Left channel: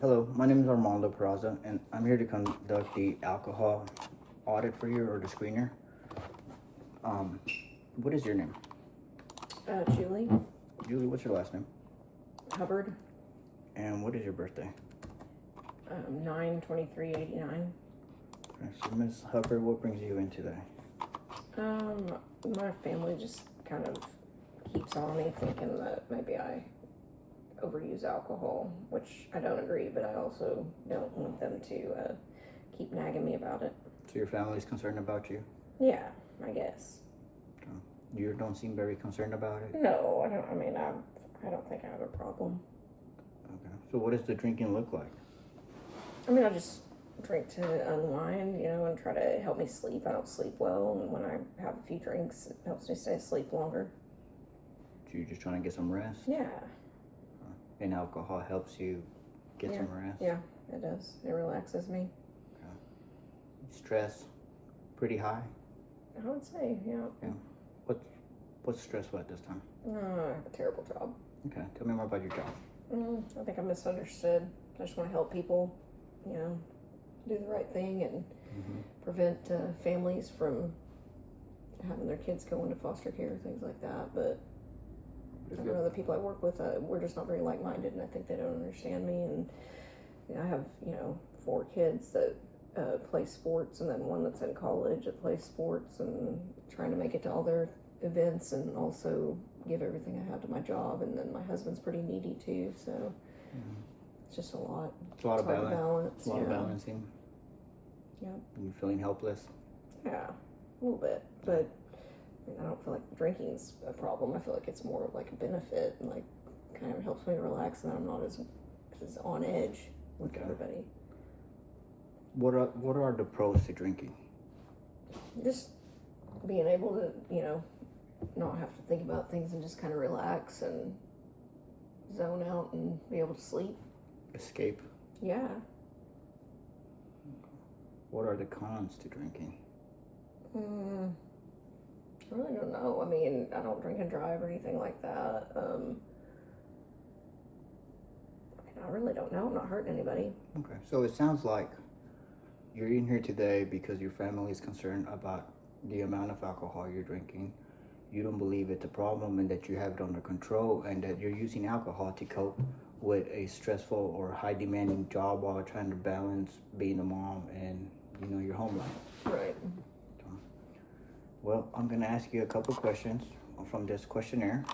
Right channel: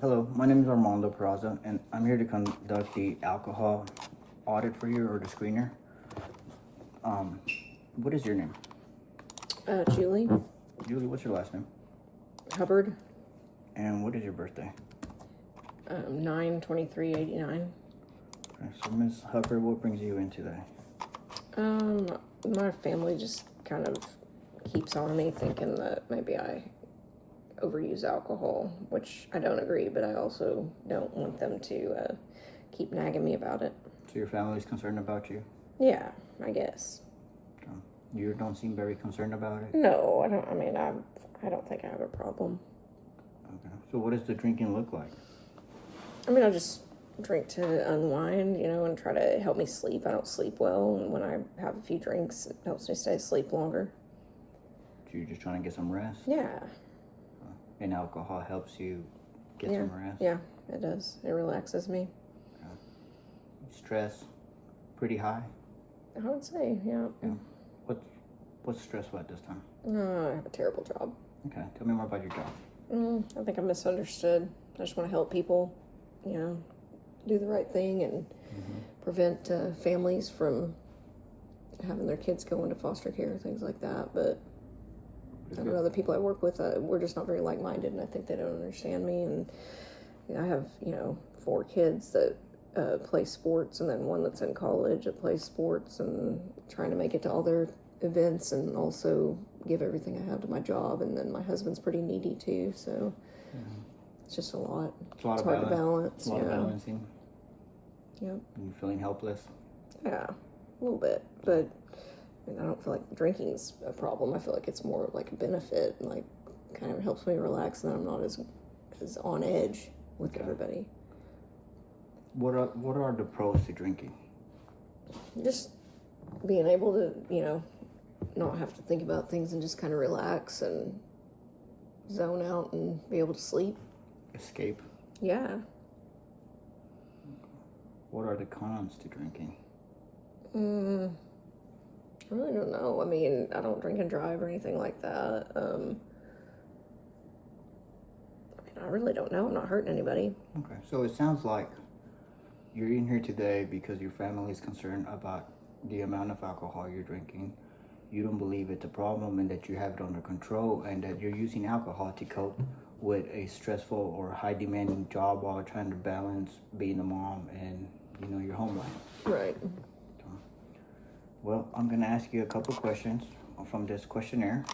Hello, my name is Armando Peraza, and I'm here to conduct the alcohol audit for you, or the screener. What is your name? Julie Julie, what's your last name? Hubbard, And what is your birthday? 9/23/89. Okay, so Ms. Hubbard, what brings you in today? My family just kind of keeps on me thinking that maybe I overuse alcohol, which I don't agree, but I also don't want them to keep nagging me about it. So your family's concerned about you? Yeah, I guess. You don't seem very concerned about it? No, I don't. I mean, I don't think I have a problem. Okay. So what does the drinking look like? I mean, I just drink to unwind, and try to help me sleep. I don't sleep well, and when I have a few drinks, it helps me stay asleep longer. So you're just trying to get some rest? Yeah. And alcohol helps you get some rest? Yeah, it does. It relaxes me. Okay. Stress pretty high? I would say, yeah. What's stressful at this time? I have a terrible job. Okay, tell me more about your job. I think I'm misunderstood. I just want to help people, do the right thing and prevent families from having their kids go into foster care, things like that. But I don't know, the people I work with, we're just not very like-minded, and I think they don't understand me. And I have, 4 kids that play sports, and then one that's in college that plays sports, and trying to make it to all their events and also give everything I have to my job. And then my husband's pretty needy too, so it's just a lot. It's a lot of hard balance. to balance. A lot of balancing. Yep. And you feeling helpless? Yeah, a little bit, but I don't feel like drinking's a problem. I feel like it's more like a benefit, and like kind of helps me relax, and then I'm not as on edge with everybody. What are the pros to drinking? Just being able to, not have to think about things and just kind of relax and zone out and be able to sleep. Escape? Yeah. What are the cons to drinking? I really don't know. I mean, I don't drink and drive or anything like that. I really don't know. I'm not hurting anybody. Okay, so it sounds like you're in here today because your family is concerned about the amount of alcohol you're drinking. You don't believe it's a problem, and that you have it under control, and that you're using alcohol to cope with a stressful or high demanding job while trying to balance being a mom and your home life. Right. Well, I'm gonna ask you a couple questions from this questionnaire,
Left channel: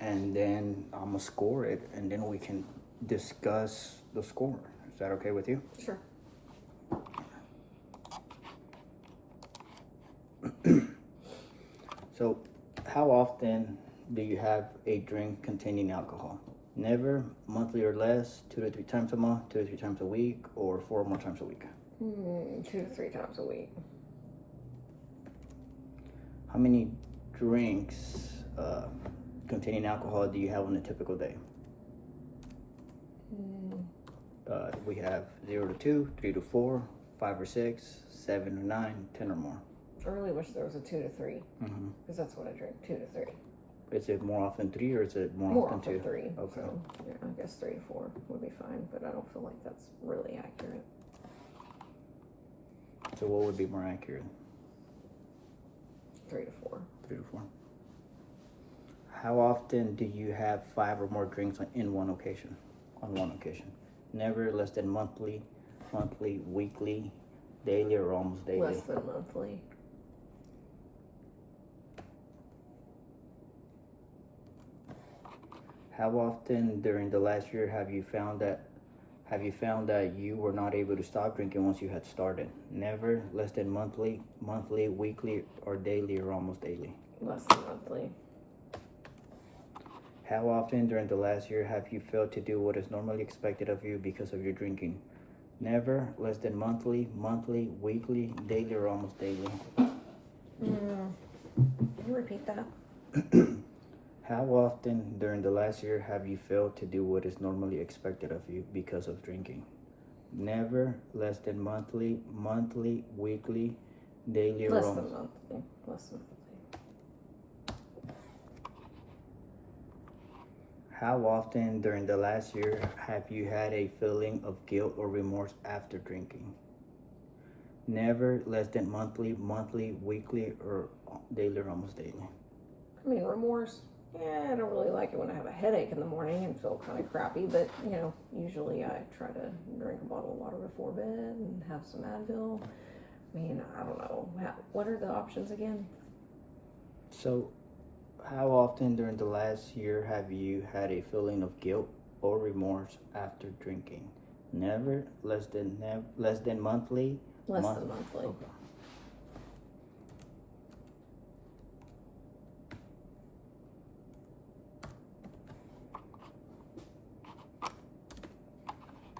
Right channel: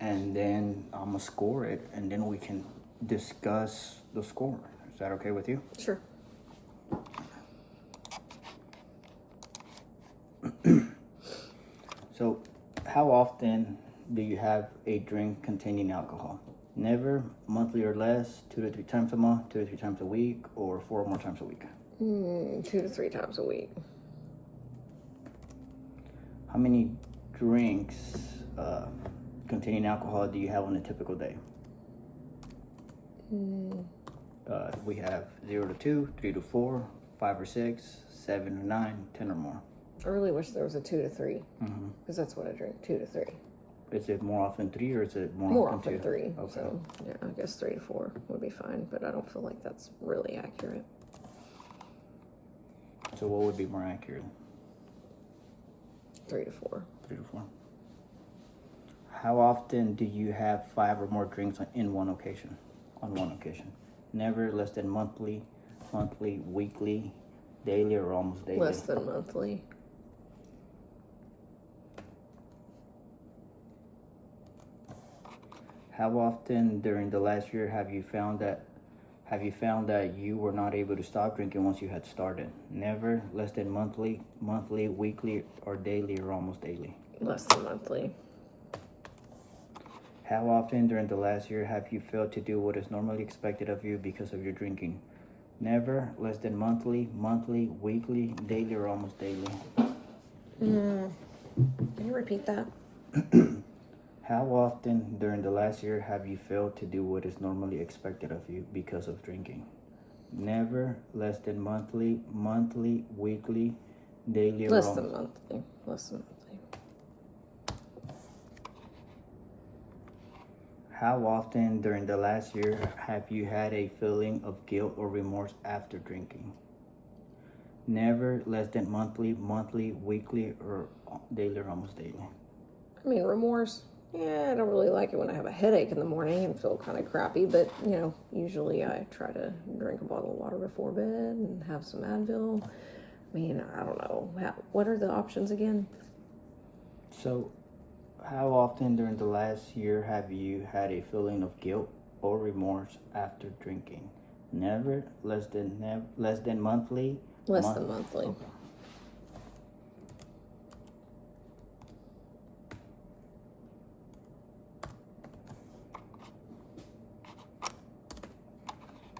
and then I'm gonna score it, and then we can discuss the score. Is that okay with you? Sure. So, how often do you have a drink containing alcohol? Never, monthly or less, 2 to 3 times a month, 2 to 3 times a week, or 4 or more times a week? 2 to 3 times a week. How many drinks containing alcohol do you have on a typical day? We have 0 to 2, 3 to 4, 5 or 6, 7 or 9, 10 or more. I really wish there was a 2 to 3, because that's what I drink, 2 to 3. Is it more often 3, or is it more often 2? 3. Okay. So, yeah, I guess 3 to 4 would be fine, but I don't feel like that's really accurate. So what would be more accurate? 3 to 4. 3 to 4. How often do you have 5 or more drinks in one occasion? On one occasion. Never, less than monthly, weekly, daily, or almost daily? Less than monthly. How often during the last year have you found that you were not able to stop drinking once you had started? Never, less than monthly, weekly, or daily, or almost daily? Less than monthly. How often during the last year have you failed to do what is normally expected of you because of your drinking? Never, less than monthly, weekly, daily, or almost daily? Can you repeat that? How often during the last year have you failed to do what is normally expected of you because of drinking? Never, less than monthly, weekly, daily, or Less than monthly. How often during the last year have you had a feeling of guilt or remorse after drinking? Never, less than monthly, weekly, or daily or almost daily. I mean, remorse, yeah, I don't really like it when I have a headache in the morning and feel kind of crappy, but, usually I try to drink a bottle of water before bed and have some Advil. I mean, I don't know. What are the options again? So, how often during the last year have you had a feeling of guilt or remorse after drinking? Never, less than monthly. Less than monthly. Okay.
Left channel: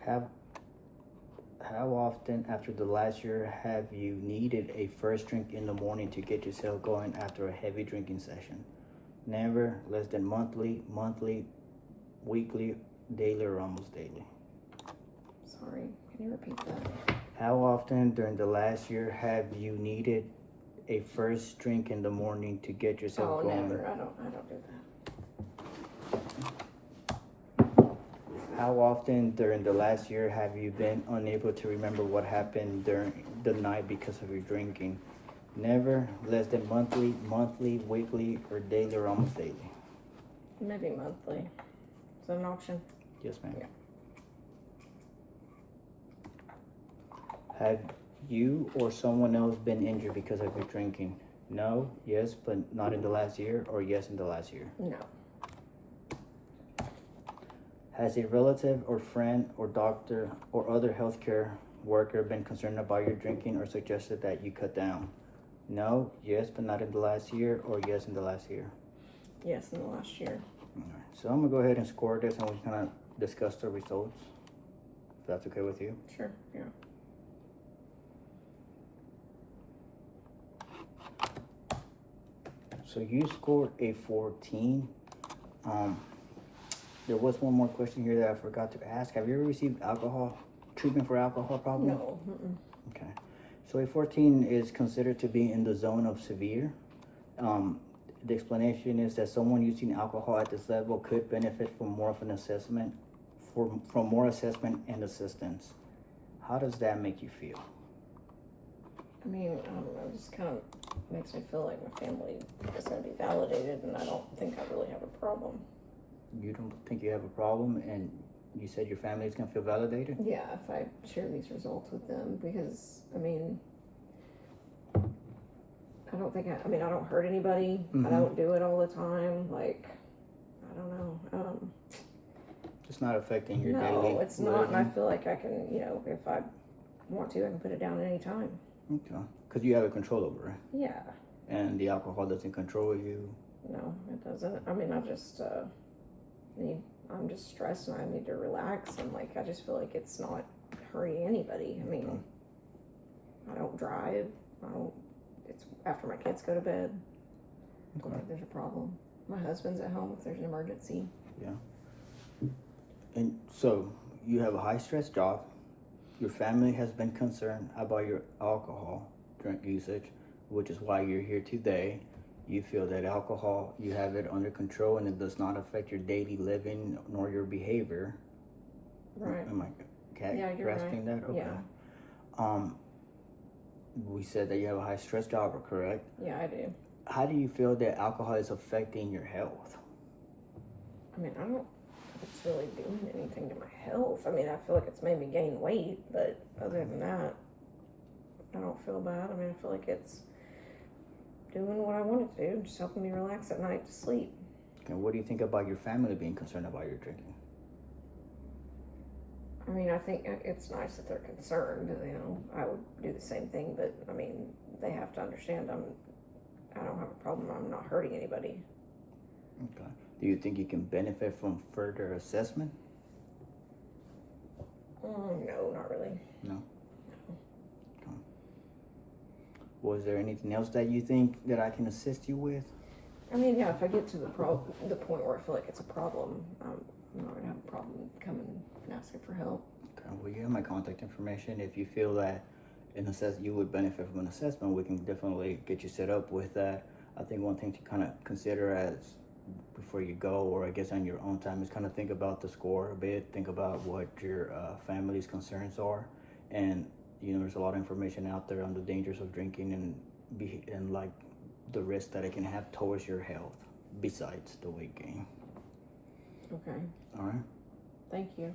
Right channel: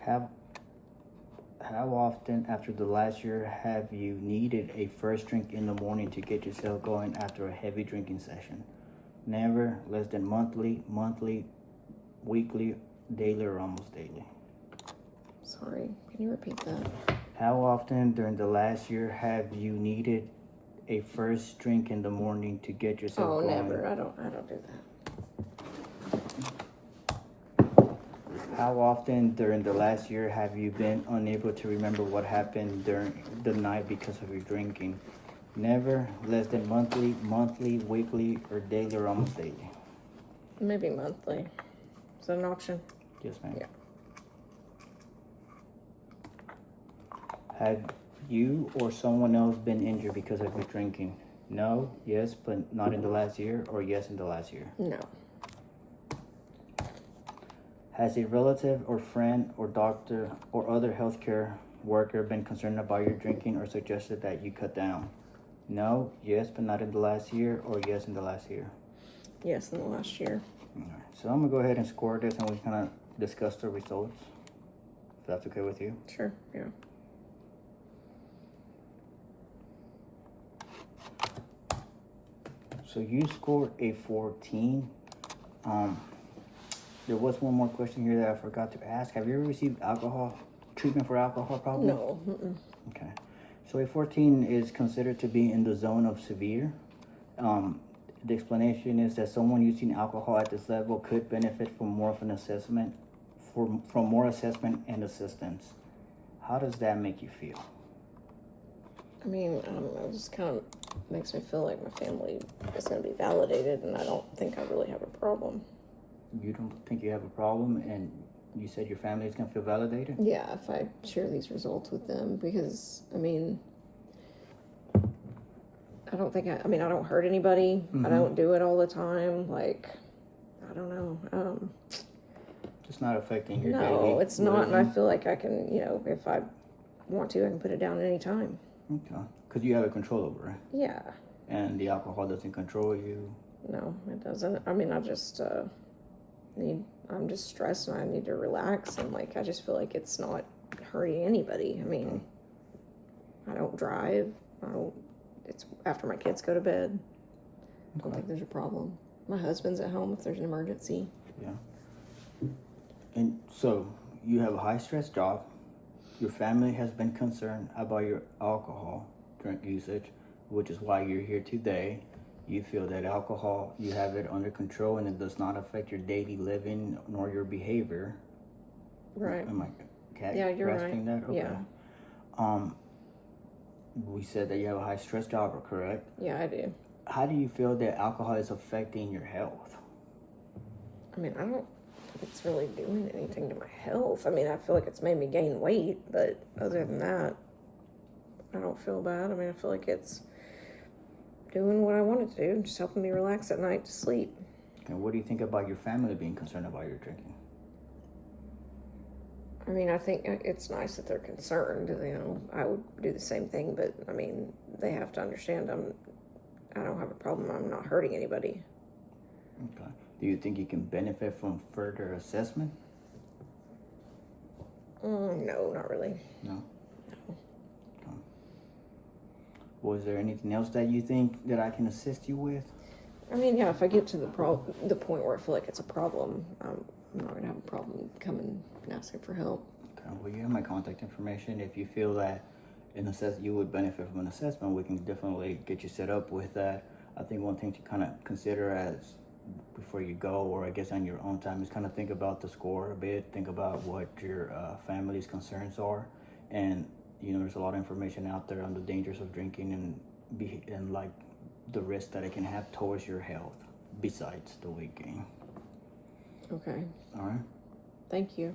How often after the last year have you needed a first drink in the morning to get yourself going after a heavy drinking session? Never, less than monthly, weekly, daily, or almost daily. Sorry, can you repeat that? How often during the last year have you needed a first drink in the morning to get yourself going? Never. I don't do that. How often during the last year have you been unable to remember what happened during the night because of your drinking? Never, less than monthly, weekly, or daily, or almost daily. Maybe monthly. Is that an option? Yes, ma'am. Yeah. Have you or someone else been injured because of your drinking? No, yes, but not in the last year, or yes in the last year? No. Has a relative or friend or doctor or other healthcare worker been concerned about your drinking or suggested that you cut down? No, yes, but not in the last year, or yes in the last year? Yes, in the last year. All right. So I'm going to go ahead and score this and we kind of discuss the results, if that's okay with you. Sure, yeah. So you scored a 14. There was one more question here that I forgot to ask. Have you ever received alcohol treatment for alcohol problems? No. Mm-mm. Okay. So a 14 is considered to be in the zone of severe. The explanation is that someone using alcohol at this level could benefit from more of an assessment, from more assessment and assistance. How does that make you feel? I mean, I don't know. It just kind of makes me feel like my family is going to be validated, and I don't think I really have a problem. You don't think you have a problem, and you said your family is going to feel validated? Yeah, if I share these results with them, because, I mean, I don't think I don't hurt anybody. Mm-hmm. I don't do it all the time. Like, I don't know. It's not affecting your daily No, it's not, living? and I feel like I can, if I want to, I can put it down at any time. Okay. Because you have a control over it. Yeah. And the alcohol doesn't control you? No, it doesn't. I mean, I'm just stressed and I need to relax, and like, I just feel like it's not hurting anybody. I mean, I don't drive. It's after my kids go to bed. I don't think there's a problem. My husband's at home if there's an emergency. Yeah. And so you have a high stress job. Your family has been concerned about your alcohol drink usage, which is why you're here today. You feel that alcohol, you have it under control and it does not affect your daily living nor your behavior. Right. Am I you're grasping right. that? Okay. Yeah. We said that you have a high stress job, correct? Yeah, I do. How do you feel that alcohol is affecting your health? I mean, I don't think it's really doing anything to my health. I mean, I feel like it's made me gain weight, but other than that, I don't feel bad. I mean, I feel like it's doing what I want it to do, just helping me relax at night to sleep. And what do you think about your family being concerned about your drinking? I mean, I think it's nice that they're concerned. I would do the same thing, but I mean, they have to understand I don't have a problem. I'm not hurting anybody. Okay. Do you think you can benefit from further assessment? No, not really. No. Okay. Was there anything else that you think that I can assist you with? I mean, yeah, if I get to the point where I feel like it's a problem, I'm not going to have a problem coming and asking for help. Okay, well, you have my contact information. If you feel that you would benefit from an assessment, we can definitely get you set up with that. I think one thing to kind of consider as before you go, or I guess on your own time, is kind of think about the score a bit, think about what your family's concerns are, and there's a lot of information out there on the dangers of drinking and like the risk that it can have towards your health besides the weight gain. Okay. All right. Thank you.